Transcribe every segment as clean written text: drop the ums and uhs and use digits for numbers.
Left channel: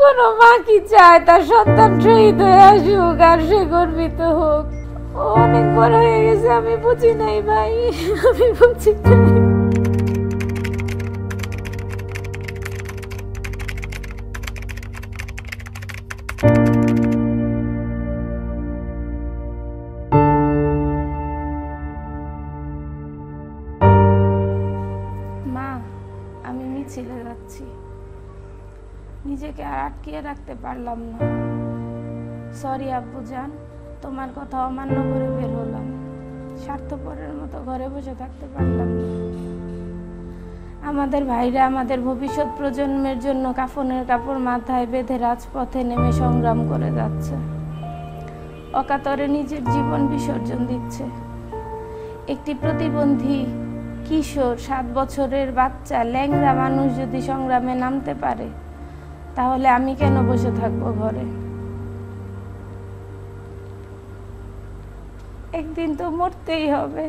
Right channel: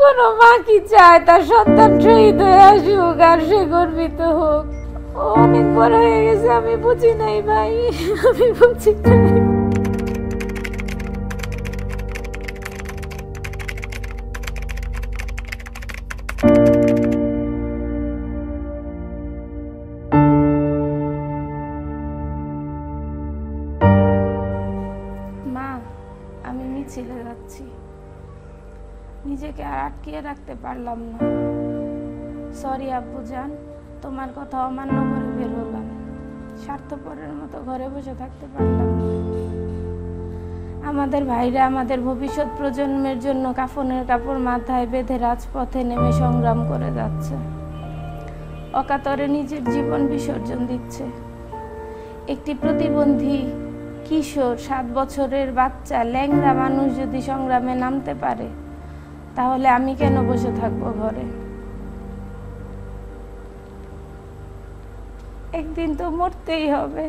কোন মা কি চায় তার সন্তান শহীদ হয়ে আসুক আর সে গর্বিত হোক? ও অনেক বড় হয়ে গেছে, আমি বুঝি নাই ভাই, আমি বুঝি নাই। মা, আমি মিছিলে যাচ্ছি, নিজেকে আর আটকিয়ে রাখতে পারলাম না। সরি আব্বুজান, তোমার কথা অমান্য করে বের হলাম। স্বার্থপরের মতো ঘরে বসে থাকতে পারলাম না। আমাদের ভাইরা আমাদের ভবিষ্যৎ প্রজন্মের জন্য কাফনের কাপড় মাথায় বেঁধে রাজপথে নেমে সংগ্রাম করে যাচ্ছে, অকাতরে নিজের জীবন বিসর্জন দিচ্ছে। একটি প্রতিবন্ধী কিশোর, 7 বছরের বাচ্চা, ল্যাংড়া মানুষ যদি সংগ্রামে নামতে পারে, তাহলে আমি কেন বসে থাকবো ঘরে? একদিন তো মরতেই হবে,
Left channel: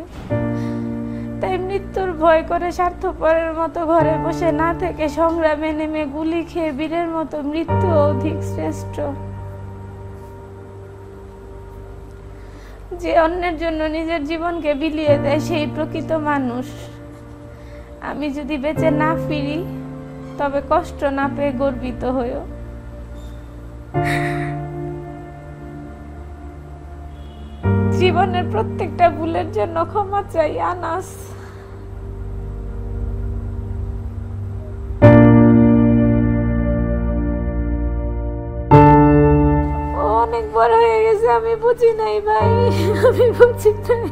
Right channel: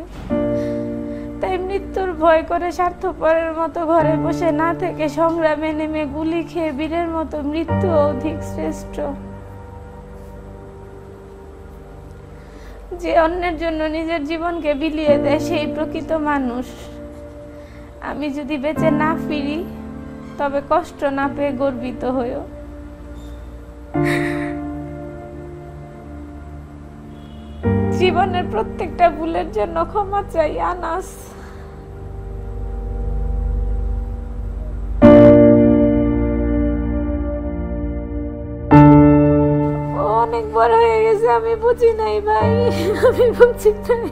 তাই মৃত্যুর ভয় করে স্বার্থপরের মতো ঘরে বসে না থেকে সংগ্রামে নেমে গুলি খেয়ে বীরের মতো মৃত্যু অধিক শ্রেষ্ঠ। যে অন্যের জন্য নিজের জীবনকে বিলিয়ে দেয় সেই প্রকৃত মানুষ। আমি যদি বেঁচে না ফিরি, তবে কষ্ট না পেয়ে গর্বিত হইও। জীবনের প্রত্যেকটা ভুলের জন্য ক্ষমা চাই আনাস। ও অনেক বড় হয়ে গেছে, আমি বুঝি নাই ভাই, আমি বুঝি নাই।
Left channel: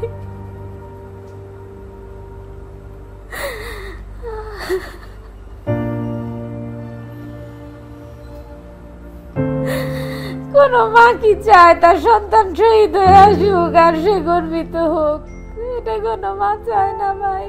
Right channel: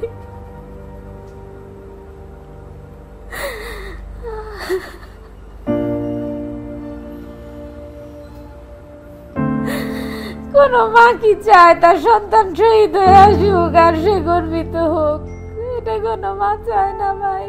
কোন মা কি চায় তার সন্তান শহীদ হয়ে আসুক আর সে গর্বিত হোক? এটা কোন মা চায় না ভাই।